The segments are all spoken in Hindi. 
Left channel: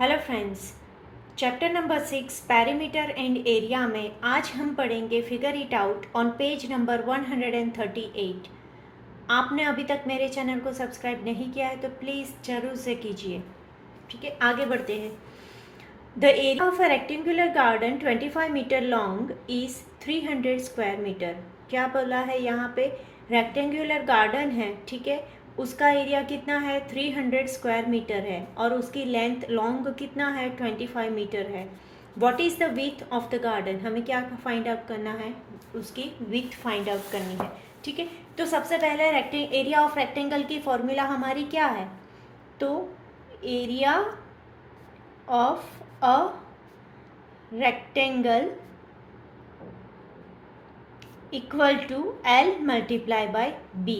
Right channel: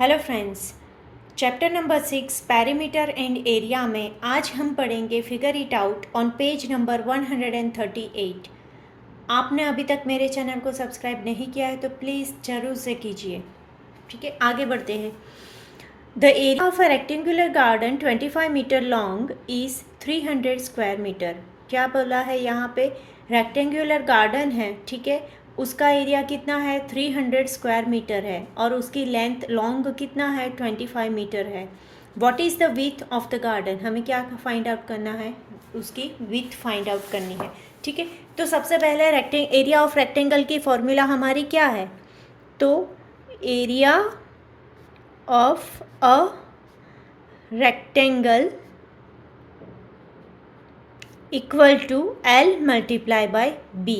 Hello friends, chapter number 6 perimeter and area में आज हम पढ़ेंगे figure it out on page number 138। आपने अभी तक मेरे चैनल को सब्सक्राइब नहीं किया है तो प्लीज़ ज़रूर से कीजिए। ठीक है, आगे बढ़ते हैं। The area of a rectangular garden 25 metre long is 300 square metre. क्या बोला है यहाँ पे? रेक्टेंगुलर गार्डन है, ठीक है, उसका एरिया कितना है? 300 स्क्वायर मीटर है और उसकी लेंथ लॉन्ग कितना है? 25 मीटर है। What is the width of the garden? हमें क्या फाइंड आउट करना है? उसकी विड्थ फाइंड आउट करनी है। ठीक है, तो सबसे पहले एरिया ऑफ रेक्टेंगल की फॉर्मूला हमारी क्या है? तो area of a rectangle equal to L multiply by B,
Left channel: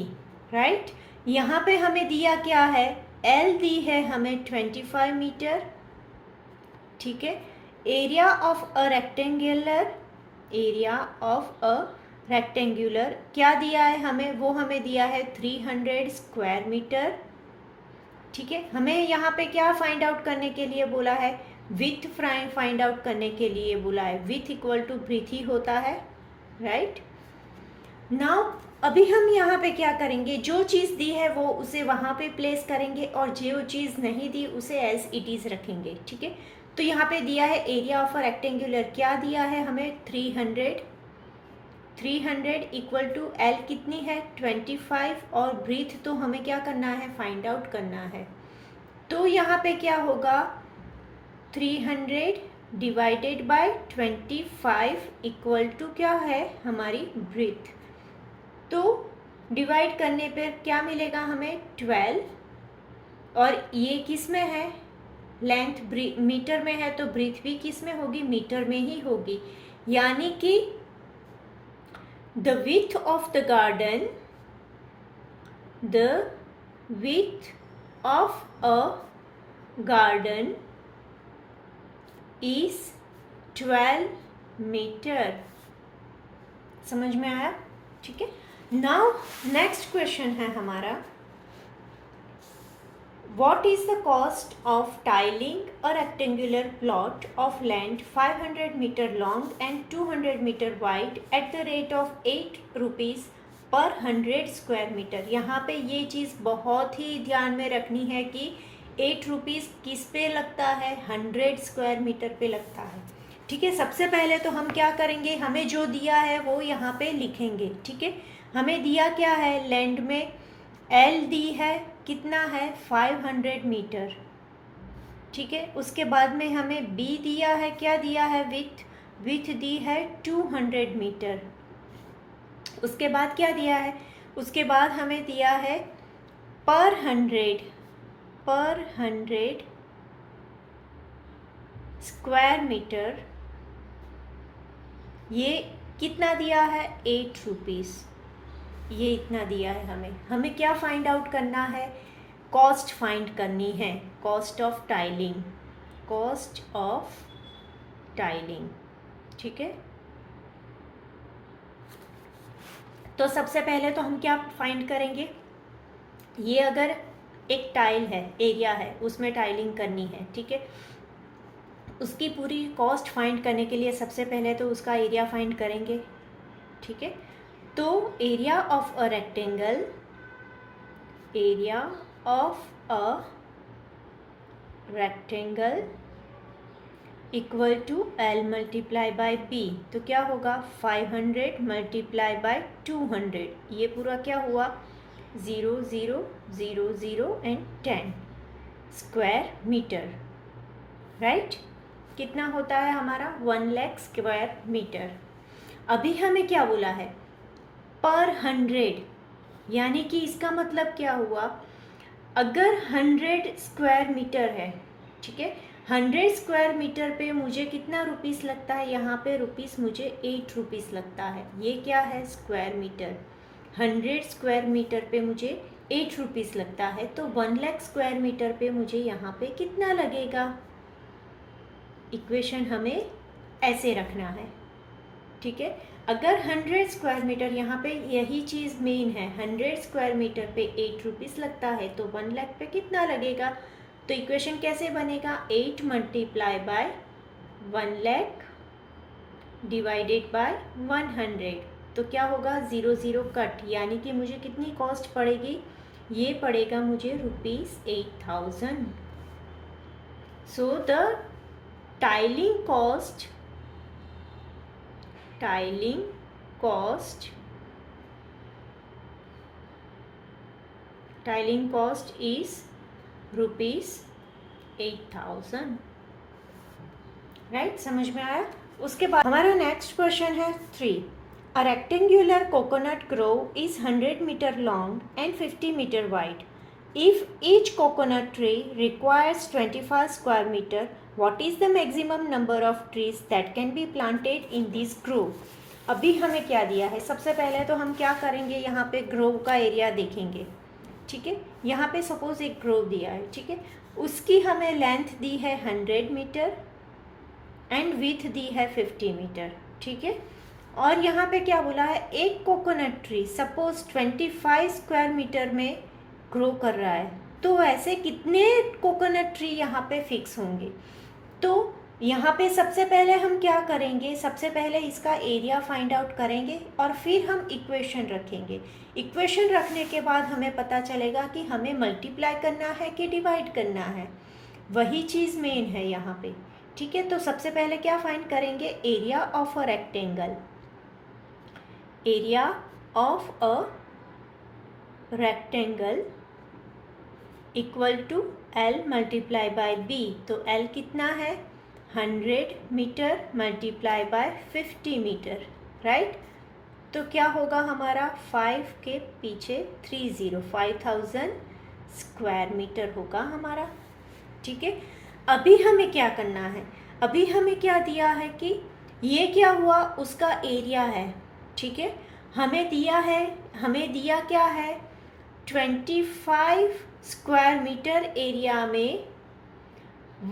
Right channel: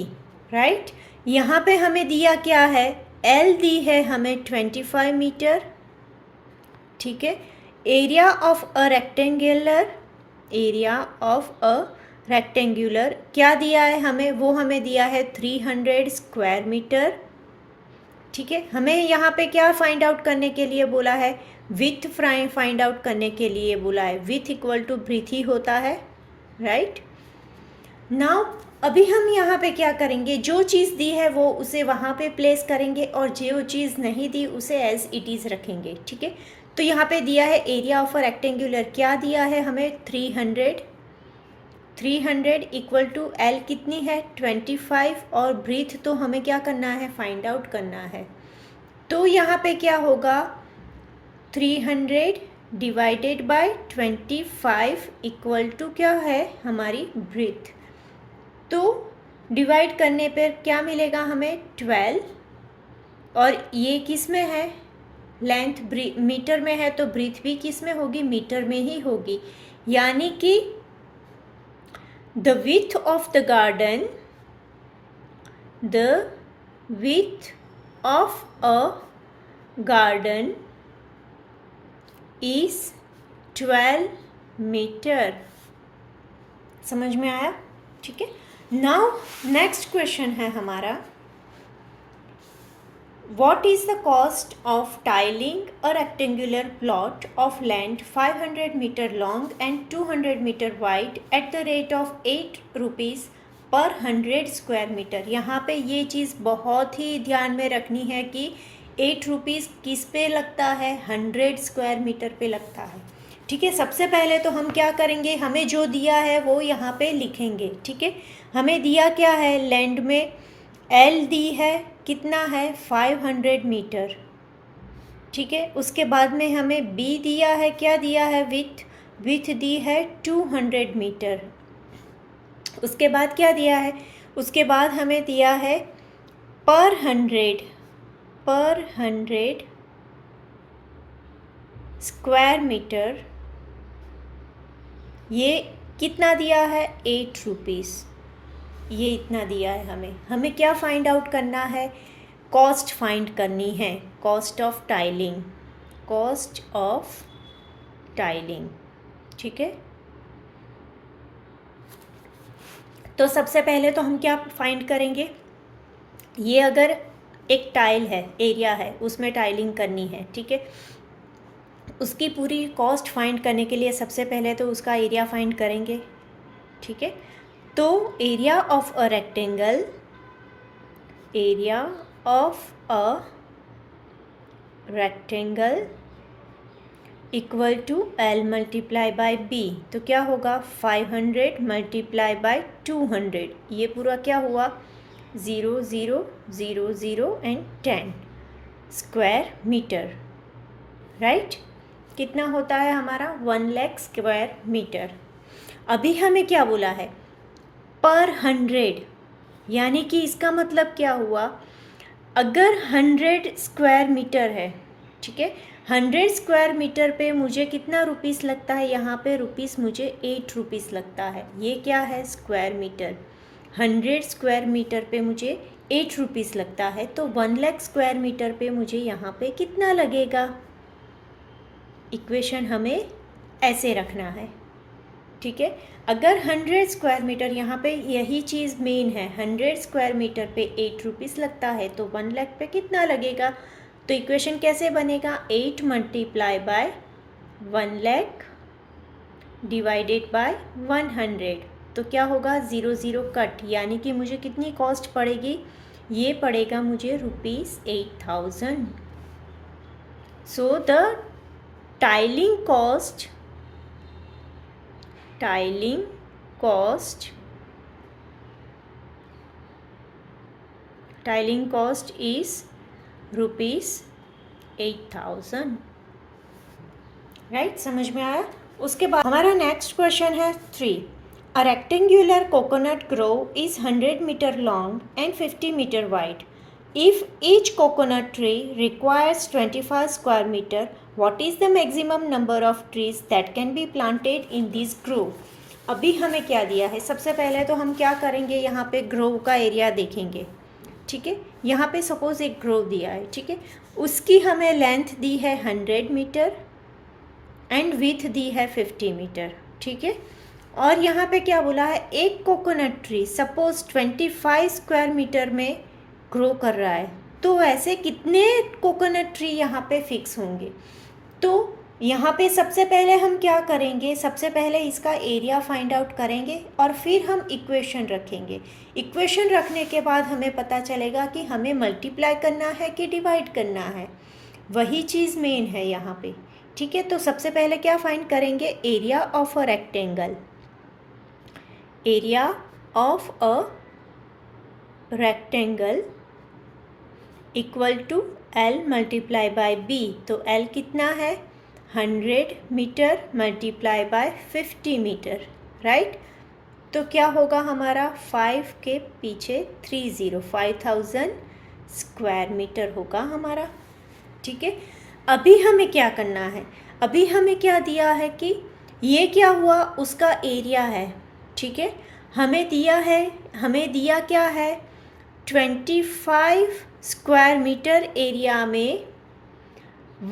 right. यहाँ पे हमें दिया क्या है? L दी है हमें 25 मीटर, ठीक है। एरिया ऑफ अ रेक्टेंगुलर क्या दिया है हमें? वो हमें दिया है 300 स्क्वायर मीटर, ठीक है। हमें यहाँ पे क्या फाइंड आउट करने के लिए बोला है? विथ फाइंड आउट करने के लिए बोला है। विथ इक्वल टू ब्रीथ ही होता है, राइट। नाउ अभी हम यहाँ पे क्या करेंगे? जो चीज़ दी है वो उसे वहाँ पे प्लेस करेंगे और जो चीज़ नहीं दी उसे एज इट इज़ रखेंगे, ठीक है। तो यहाँ पे दिया है एरिया ऑफ अ रेक्टेंगुलर, क्या दिया है हमें? 300 इक्वल टू L कितनी है? 25, और ब्रीथ तो हमें क्या करना है? फाइंड आउट करना है। तो यहाँ पे क्या होगा? 300 डिवाइडेड बाय 25 इक्वल टू क्या है? हमारी ब्रीथ। तो डिवाइड करने पर क्या मिलेगा हमें? 12, और ये किस में है? लेंथ मीटर में है, तो ब्रीथ भी किस में होगी? मीटर में ही होगी। यानी कि the width of the garden, the width of a garden is 12 metre. समझ में आया? ठीक है। नाउ नेक्स्ट क्वेश्चन है हमारा, what is the cost of tiling a rectangular plot of land 500 meter long and 200 meter wide at the rate of 8 rupees per 100 square meter? यहाँ पे ये चीज़ बहुत ही ध्यान में रखनी है कि 8 रुपीज़ किस पे लगता है? 100 स्क्वायर मीटर पे लगता है, ठीक है। सबसे पहले तो हम क्या करेंगे? हमें जो दिया है वो यहाँ पे लिखेंगे, ठीक है। हमें दिया क्या है? लैंड में L दी है, कितना है? 500 मीटर, ठीक है। उसके बाद में हमें B दिया है, क्या दिया है? विथ दी है 200 मीटर। उसके बाद क्या दिया है? उसके बाद हमें दिया है पर 100 स्क्वायर मीटर। ये कितना दिया है? 8 रुपीज़। ये इतना दिया है हमें क्या फाइंड आउट करना है? कॉस्ट फाइंड करनी है, कॉस्ट ऑफ टाइलिंग, ठीक है। तो सबसे पहले तो हम क्या फाइंड करेंगे? ये अगर एक टाइल है, एरिया है, उसमें टाइलिंग करनी है, ठीक है। उसकी पूरी कॉस्ट फाइंड करने के लिए सबसे पहले तो उसका एरिया फाइंड करेंगे, ठीक है। तो area of a rectangle equal to L multiply by B। तो क्या होगा? 500 मल्टीप्लाई बाय 200, ये पूरा क्या हुआ? 0 0 0 0 एंड 10 स्क्वायर मीटर, राइट। कितना होता है हमारा? 1 लाख स्क्वायर मीटर। अभी हमें क्या बोला है? पर 100, यानी कि इसका मतलब क्या हुआ? अगर 100 स्क्वायर मीटर है, ठीक है, 100 स्क्वायर मीटर पे मुझे कितना रुपीस लगता है? यहाँ पे रुपीस मुझे 8 रुपीस लगता है। ये क्या है? Square metre. 100 स्क्वायर मीटर पे मुझे 8 रुपीस लगता है, तो 1 लाख स्क्वायर मीटर पे मुझे यहाँ पे कितना लगेगा? इक्वेशन हमें ऐसे रखना है, ठीक है। अगर 100 स्क्वायर मीटर, यहाँ पे यही चीज़ मेन है, 100 स्क्वायर मीटर पे 8 रुपीज़ लगता है, तो 1 लाख पे कितना लगेगा? तो इक्वेशन कैसे बनेगा? 8 multiply by 1 lakh divided by 100, तो क्या होगा? 0 0 कट, यानी कि मुझे कितनी कॉस्ट पड़ेगी? ये पड़ेगा मुझे ₹8,000। So the tiling cost is ₹8,000, right? समझ में आया? उसके बाद हमारा नेक्स्ट क्वेश्चन है 3. A rectangular coconut grove is 100 meter long and 50 meter wide. If each coconut tree requires 25 square meter, what is the maximum number of trees that can be planted in this grove? अभी हमें क्या दिया है? सबसे पहले तो हम क्या करेंगे, यहाँ पे ग्रोव का एरिया देखेंगे, ठीक है? यहाँ पे सपोज एक ग्रोव दिया है, ठीक है? उसकी हमें लेंथ दी है 100 मीटर एंड विथ दी है 50 मीटर, ठीक है? और यहाँ पे क्या बोला है? एक coconut tree suppose 25 square metre में ग्रो कर रहा है, तो ऐसे कितने कोकोनट ट्री यहाँ पे फिक्स होंगे? तो यहाँ पे सबसे पहले हम क्या करेंगे? सबसे पहले इसका एरिया फाइंड आउट करेंगे और फिर हम इक्वेशन रखेंगे। इक्वेशन रखने के बाद हमें पता चलेगा कि हमें मल्टीप्लाई करना है कि डिवाइड करना है, वही चीज़ मेन है यहाँ पे, ठीक है? तो सबसे पहले क्या फाइंड करेंगे? Area of a rectangle, area of a rectangle equal to L multiply by B। तो L कितना है? 100 metre multiply by 50 metre, right? तो क्या होगा हमारा? 5 के पीछे 30, 5000 स्क्वायर मीटर होगा हमारा, ठीक है? अभी हमें क्या करना है? अभी हमें क्या दिया है कि ये क्या हुआ? उसका एरिया है, ठीक है? हमें दिया क्या है? 25 स्क्वायर मीटर एरिया में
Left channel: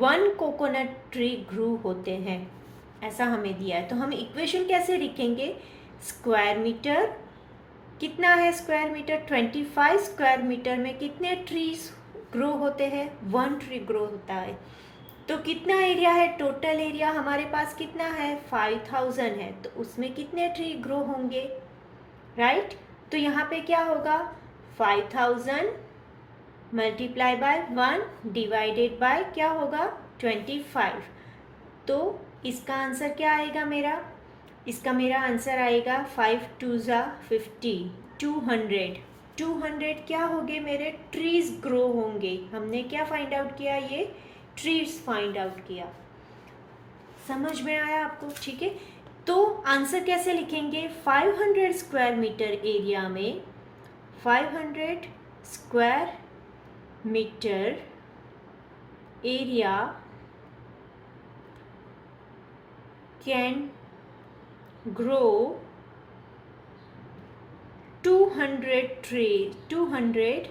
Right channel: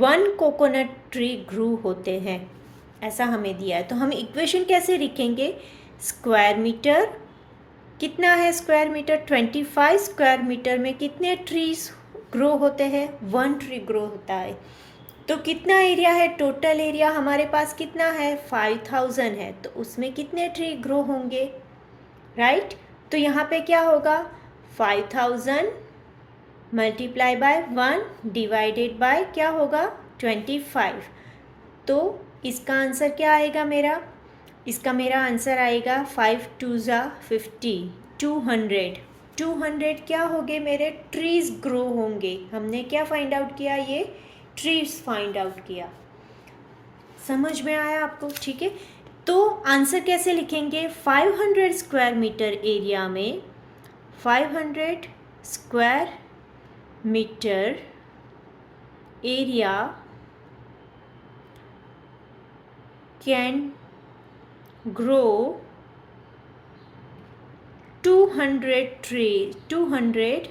1 कोकोनट ट्री ग्रू होते हैं, ऐसा हमें दिया है। तो हम इक्वेशन कैसे लिखेंगे? स्क्वायर मीटर कितना है? स्क्वायर मीटर 25 स्क्वायर मीटर में कितने ट्रीज ग्रो होते हैं? 1 ट्री ग्रो होता है। तो कितना एरिया है? टोटल एरिया हमारे पास कितना है? 5000 है, तो उसमें कितने ट्री ग्रो होंगे, राइट? तो यहाँ पे क्या होगा? 5000 मल्टीप्लाई बाय 1 डिवाइडेड बाय क्या होगा? 25। तो इसका आंसर क्या आएगा मेरा? इसका मेरा आंसर आएगा 5 2 ज़ा 50, 200 क्या होंगे मेरे? ट्रीज ग्रो होंगे। हमने क्या फाइंड आउट किया? ये ट्रीज फाइंड आउट किया। समझ में आया आपको? ठीक है, तो आंसर कैसे लिखेंगे? 500 स्क्वायर मीटर एरिया में 500 square metre area can grow 200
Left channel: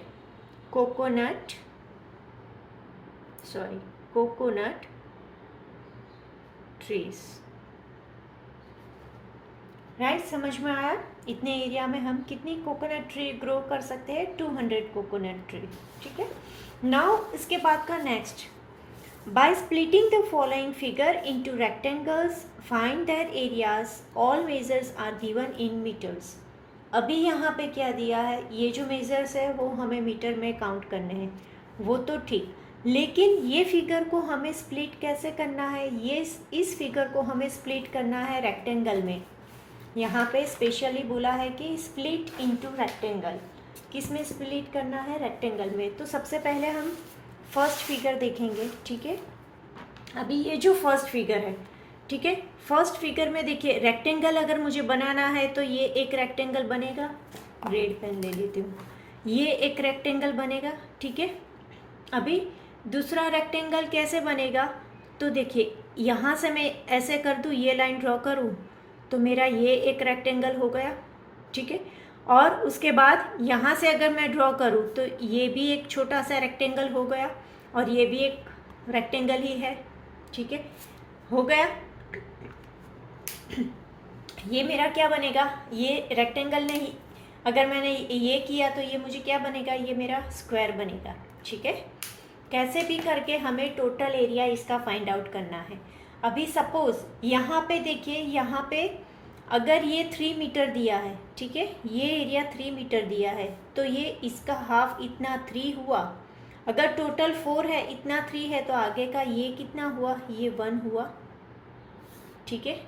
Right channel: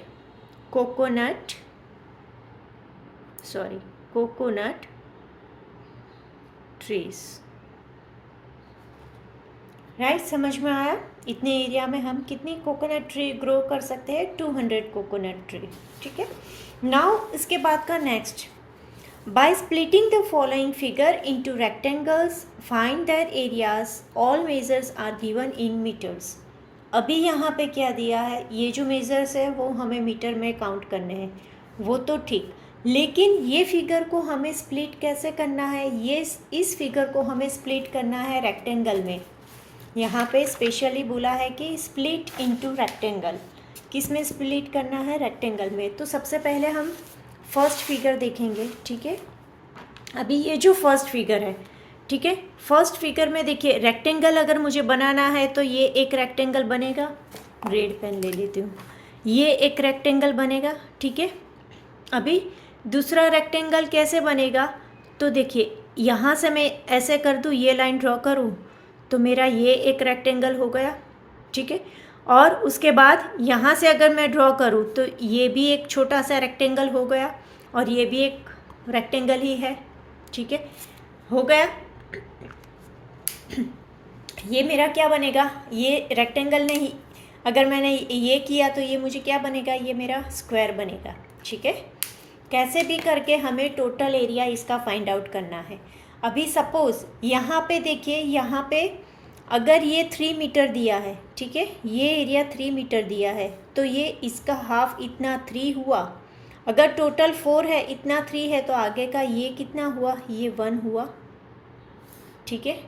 coconut trees, right? समझ में आया? इतने एरिया में हम कितनी कोकोनट ट्री ग्रो कर सकते हैं? 200 कोकोनट ट्री, ठीक है? नाउ इसके बाद का next, by splitting the following figure into rectangles find their areas, all measures are given in metres. अभी यहाँ पे क्या दिया है? ये जो मेजर्स है वो हमें मीटर में काउंट करने हैं, वो तो ठीक, लेकिन ये फिगर को हमें स्प्लिट कैसे करना है? ये इस फिगर को हमें स्प्लिट करना है रेक्टेंगल में। यहाँ पे स्पेशली बोला है कि स्प्लिट इनटू रेक्टेंगल। किस में स्प्लिट करना है? रेक्टेंगल में। तो सबसे पहले हम फर्स्ट फिगर देखेंगे, ठीक है? अभी ये जो फर्स्ट फिगर है, ठीक है, फर्स्ट फिगर में देखिए, रेक्टेंगल अगर मुझे बनाना है तो ये एक रेक्टेंगल बनेगा, रेड पेन ले लेती हूँ, ये एक रेक्टेंगल बनेगा, ठीक है? अभी दूसरा रेक्टेंगल कैसे बनेगा? तो देखिए, यहाँ से मैं ऐसे कर दूँ, ये लाइन ड्रॉ करूँ, तो मेरा ये एक रेक्टेंगल हो गया, ठीक है? और उसके बाद यहाँ से अगर मैं ड्रॉ करूँ तो ये भी एक छोटा सा रेक्टेंगल हो गया, और ये भी एक रेक्टेंगल ही है, ठीक है? हो गया। ये मेरा क्या बनेगा, ये रेक्टेंगल नहीं, अगर मैंने ये किया तो ये मुझे क्या बनेगा, ये मेरा स्क्वायर बनेगा। ठीक है, कैसे भी करके हमें टोटल एरिया इसका फाइंड आउट करना है। अभी सपोज़ यहाँ पे देखिए, यहाँ पे अगर ये 3 मीटर दिया है, ठीक है, ये एरिया 3 मीटर दिया है, तो ये इसका हाफ इतना 3 हुआ। अगर टोटल 4 है, इतना 3 है, तो आगे का ये कितना हुआ, ये 1 हुआ। ठीक है,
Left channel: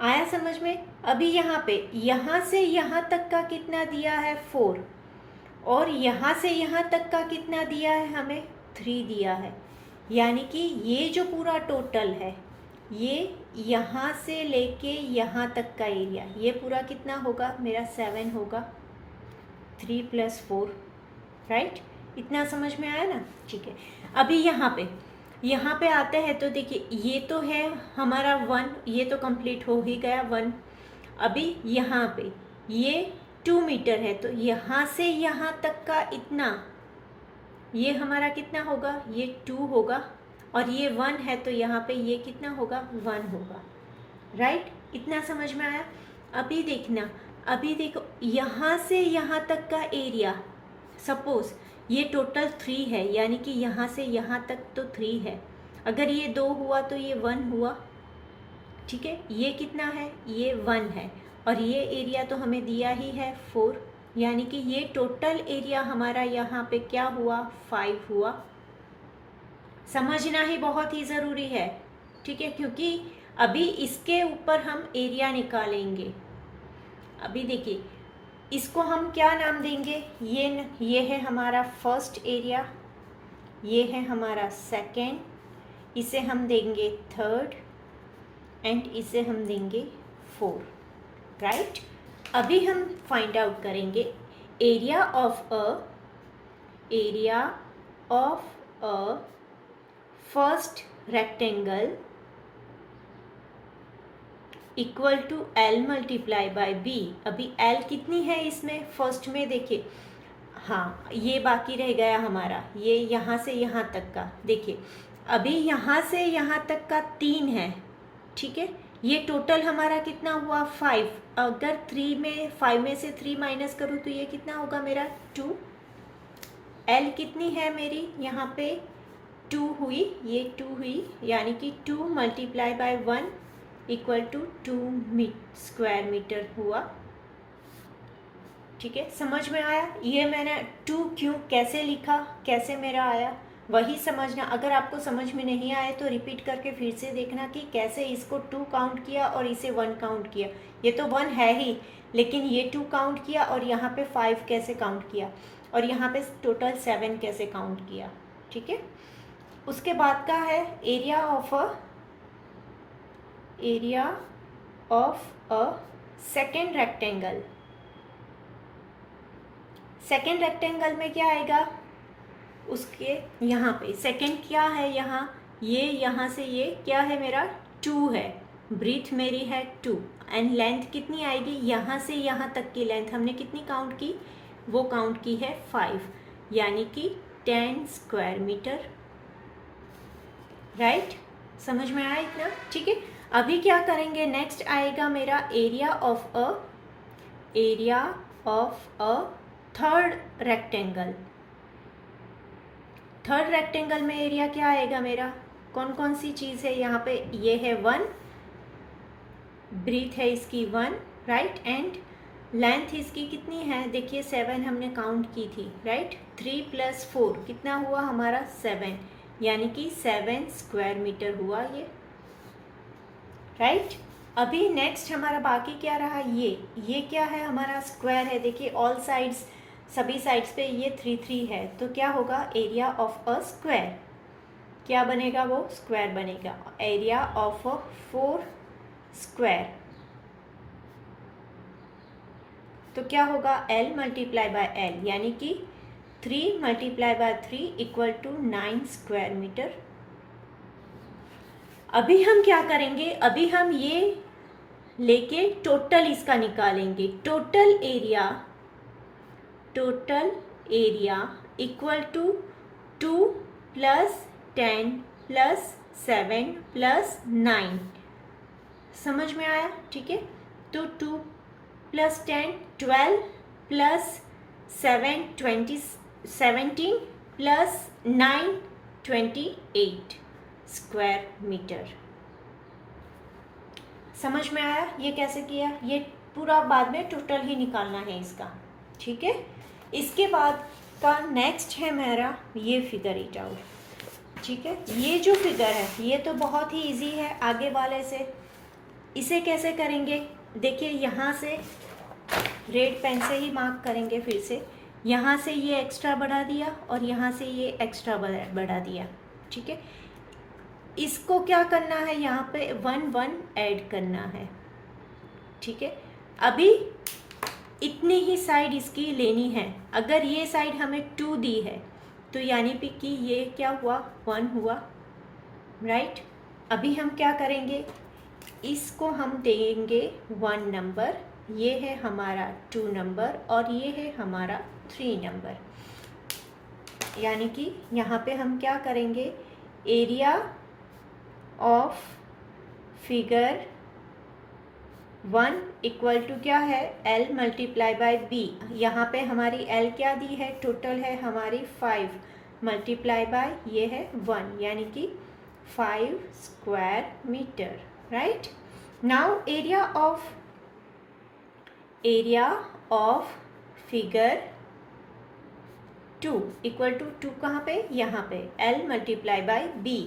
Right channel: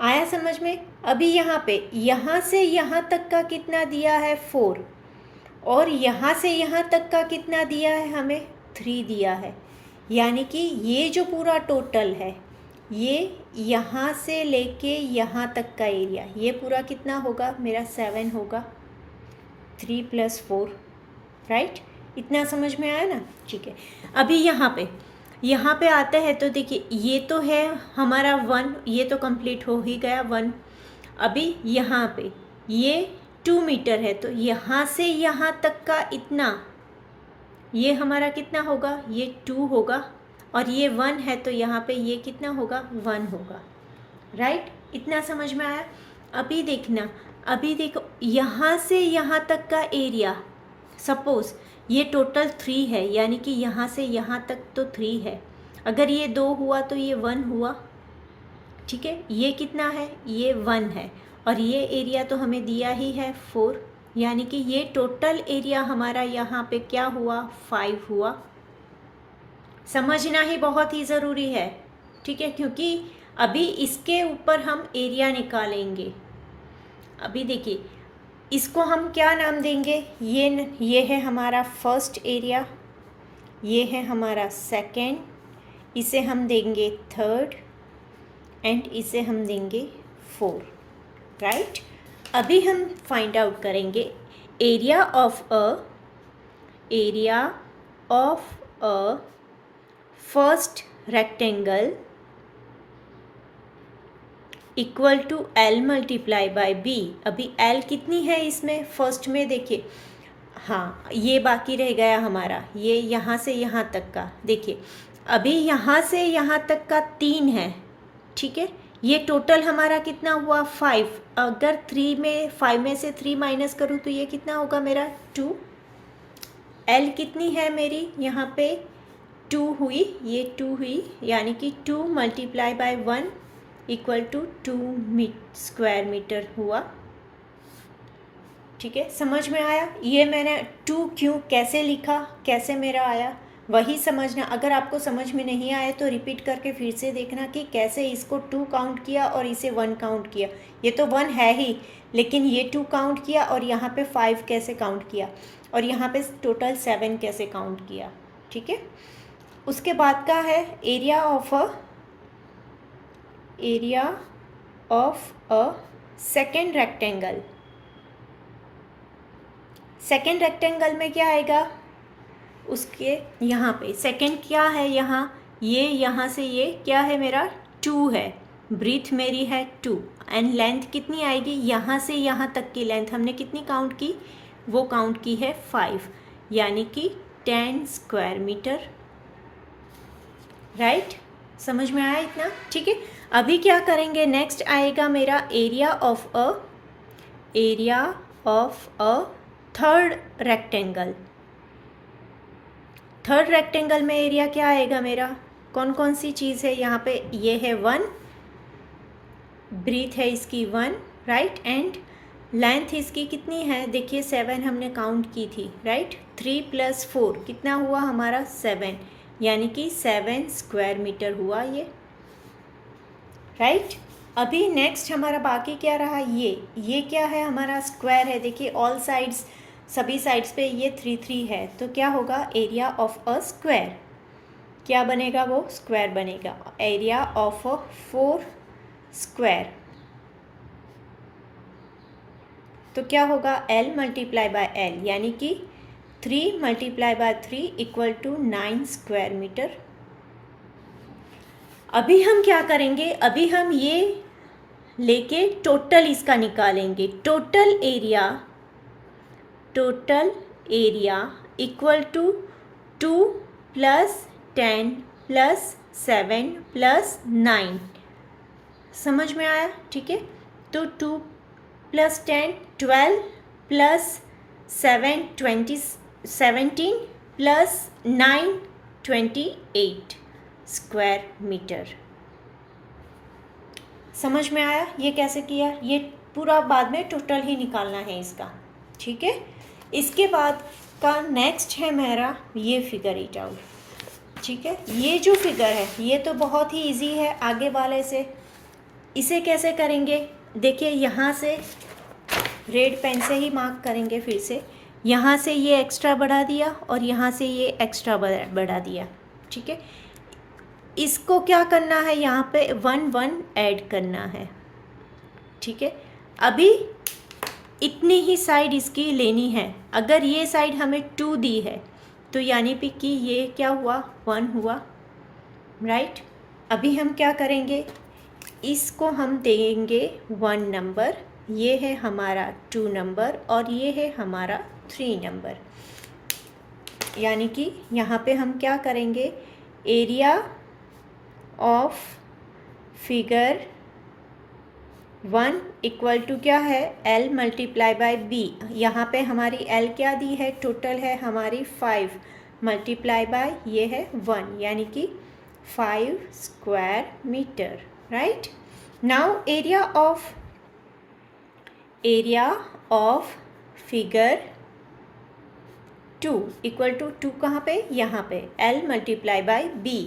आया समझ में। अभी यहाँ पे यहाँ से यहाँ तक का कितना दिया है, 4, और यहाँ से यहाँ तक का कितना दिया है, हमें 3 दिया है। यानी कि ये जो पूरा टोटल है, ये यहाँ से लेके यहाँ तक का एरिया, ये पूरा कितना होगा मेरा, 7 होगा, 3 + 4, राइट। इतना समझ में आया ना। ठीक है, अभी यहाँ पे आता है तो देखिए, ये तो है हमारा 1, ये तो कंप्लीट हो ही गया 1। अभी यहाँ पे ये 2 मीटर है, तो यहाँ से यहाँ तक का इतना, ये हमारा कितना होगा, ये 2 होगा, और ये 1 है, तो यहाँ पे ये कितना होगा, 1 होगा, राइट। इतना समझ में आया। अभी देखना, अभी देखो, यहाँ से यहाँ तक का एरिया, सपोज़ ये टोटल 3 है, यानी कि यहाँ से यहाँ तक तो 3 है। अगर ये 2 हुआ तो ये 1 हुआ। ठीक है, ये कितना है, ये 1 है, और ये एरिया तो हमें दिया ही है 4, यानी कि ये टोटल एरिया हमारा यहाँ पे क्या हुआ, 5 हुआ। समझना ही बहुत ही ज़रूरी है। ठीक है, क्योंकि अभी इसके ऊपर हम एरिया निकालेंगे। अभी देखिए, इसको हम क्या नाम देंगे, ये है हमारा फर्स्ट एरिया, ये है हमारा सेकंड, इसे हम देंगे थर्ड, एंड इसे हम देंगे 4, राइट। अभी हम फाइंड आउट करेंगे area of a first rectangle equal to L multiply by B। अभी L कितनी है इसमें, फर्स्ट में देखिए, हाँ ये बाकी रह गया हमारा, ये यहाँ से यहाँ तक का। देखिए अभी यहाँ से यहाँ तक का 3 है, ठीक है, ये टोटल हमारा कितना हुआ, 5। अगर 5 में से 3 माइनस करूँ तो ये कितना होगा मेरा, 2। L कितनी है मेरी, यहाँ पे 2 हुई, ये 2 हुई, यानी कि 2 multiply by 1 equal to 2 square metre हुआ। ठीक है, समझ में आया। ये मैंने 2 क्यों कैसे लिखा, कैसे मेरा आया, वही समझना। अगर आपको समझ में नहीं आए तो रिपीट करके फिर से देखना कि कैसे इसको 2 काउंट किया और इसे 1 काउंट किया। ये तो 1 है ही, लेकिन ये 2 काउंट किया, और यहाँ पे 5 कैसे काउंट किया, और यहाँ पे टोटल 7 कैसे काउंट किया। ठीक है, उसके बाद का है area of a second rectangle. Second rectangle में क्या आएगा, उसके यहाँ पे सेकेंड क्या है, यहाँ से ये क्या है मेरा, 2 है, ब्रीथ मेरी है 2, एंड लेंथ कितनी आएगी, यहाँ से यहाँ तक की लेंथ हमने कितनी काउंट की, वो काउंट की है 5, यानी कि 10 स्क्वायर मीटर, राइट। समझ में आया इतना। ठीक है, अभी क्या करेंगे, नेक्स्ट आएगा मेरा area of a third rectangle. Third rectangle में एरिया क्या आएगा मेरा, कौन कौन सी चीज़ है यहाँ पे, ये है 1, ब्रीथ है इसकी 1, राइट, एंड लेंथ इसकी कितनी है, देखिए 7 हमने काउंट की थी, राइट। 3 + 4 कितना हुआ हमारा, 7, यानी कि 7 स्क्वायर मीटर हुआ ये, राइट। अभी नेक्स्ट हमारा बाकी क्या रहा, ये क्या है हमारा, स्क्वायर है। देखिए ऑल साइड्स, सभी साइड्स पे ये 3 3 है, तो क्या होगा, एरिया ऑफ अ स्क्वायर क्या बनेगा, वो स्क्वायर बनेगा। एरिया ऑफ 4 स्क्वायर, तो क्या होगा, L मल्टीप्लाई बाय L, यानी कि 3 multiply by 3 equal to 9 square metre. अभी हम क्या करेंगे, अभी हम ये लेके टोटल इसका निकालेंगे। Total area equal to 2 + 10 + 7 + 9। समझ में आया। ठीक है, तो 2 + 10 12 + 7 17 + 9 28 स्क्वायर मीटर। समझ में आया ये कैसे किया? ये पूरा बाद में टोटल ही निकालना है इसका, ठीक है। इसके बाद का नेक्स्ट है मेरा ये फिगर इट आउट, ठीक है। ये जो फिगर है ये तो बहुत ही इजी है आगे वाले से। इसे कैसे करेंगे? देखिए यहाँ से रेड पेन से ही मार्क करेंगे। फिर से यहाँ से ये एक्स्ट्रा बढ़ा दिया और यहाँ से ये एक्स्ट्रा बढ़ा दिया, ठीक है। इसको क्या करना है? यहाँ पे 1 1 ऐड करना है, ठीक है। अभी इतनी ही साइड इसकी लेनी है। अगर ये साइड हमें 2 दी है तो यानी कि ये क्या हुआ? 1 हुआ, राइट। अभी हम क्या करेंगे? इसको हम देंगे 1 नंबर, ये है हमारा 2 नंबर और ये है हमारा 3 नंबर। यानी कि यहाँ पे हम क्या करेंगे? Area of figure 1 equal to क्या है? L × B। यहाँ पे हमारी L क्या दी है? टोटल है हमारी 5 × ये है 1, यानी कि 5 square metre, right. Now area of figure 2 equal to 2 कहाँ पे? यहाँ पे L × B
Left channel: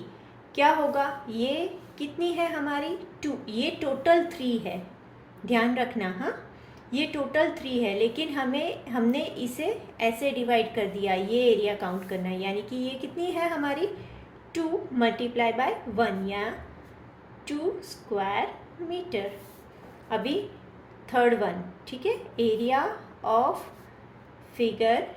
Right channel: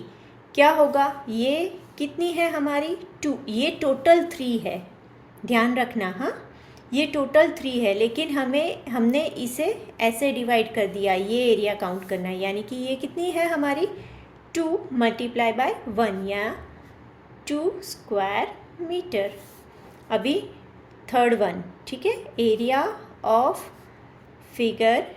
क्या होगा? ये कितनी है हमारी? 2। ये टोटल 3 है, ध्यान रखना। हाँ, ये टोटल 3 है, लेकिन हमने इसे ऐसे डिवाइड कर दिया, ये एरिया काउंट करना है। यानी कि ये कितनी है हमारी? 2 × 1 या 2 स्क्वायर मीटर। अभी थर्ड वन, ठीक है। Area of figure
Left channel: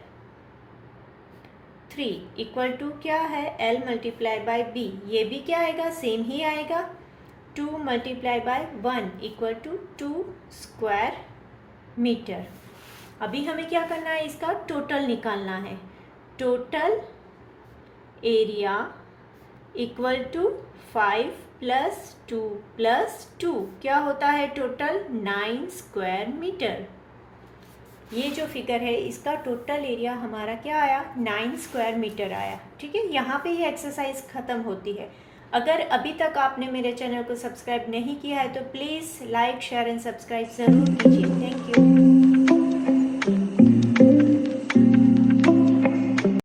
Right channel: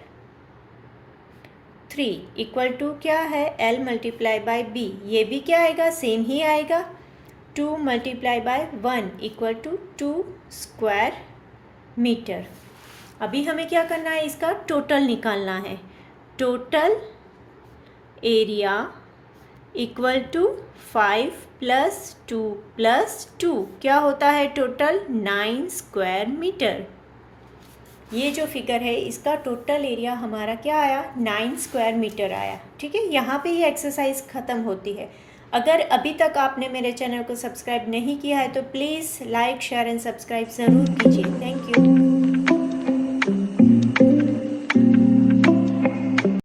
3 equal to क्या है? L × B। ये भी क्या आएगा? सेम ही आएगा। 2 × 1 इक्वल टू 2 स्क्वायर मीटर। अभी हमें क्या करना है? इसका टोटल निकालना है। टोटल एरिया इक्वल टू 5 + 2 + 2 क्या होता है? Total 9 square metre. ये जो फिगर है इसका टोटल एरिया हमारा क्या आया? 9 स्क्वायर मीटर आया, ठीक है। यहाँ पे ये एक्सरसाइज ख़त्म होती है। अगर अभी तक आपने मेरे चैनल को सब्सक्राइब नहीं किया है तो please like, share and subscribe ज़रूर कीजिए। Thank you.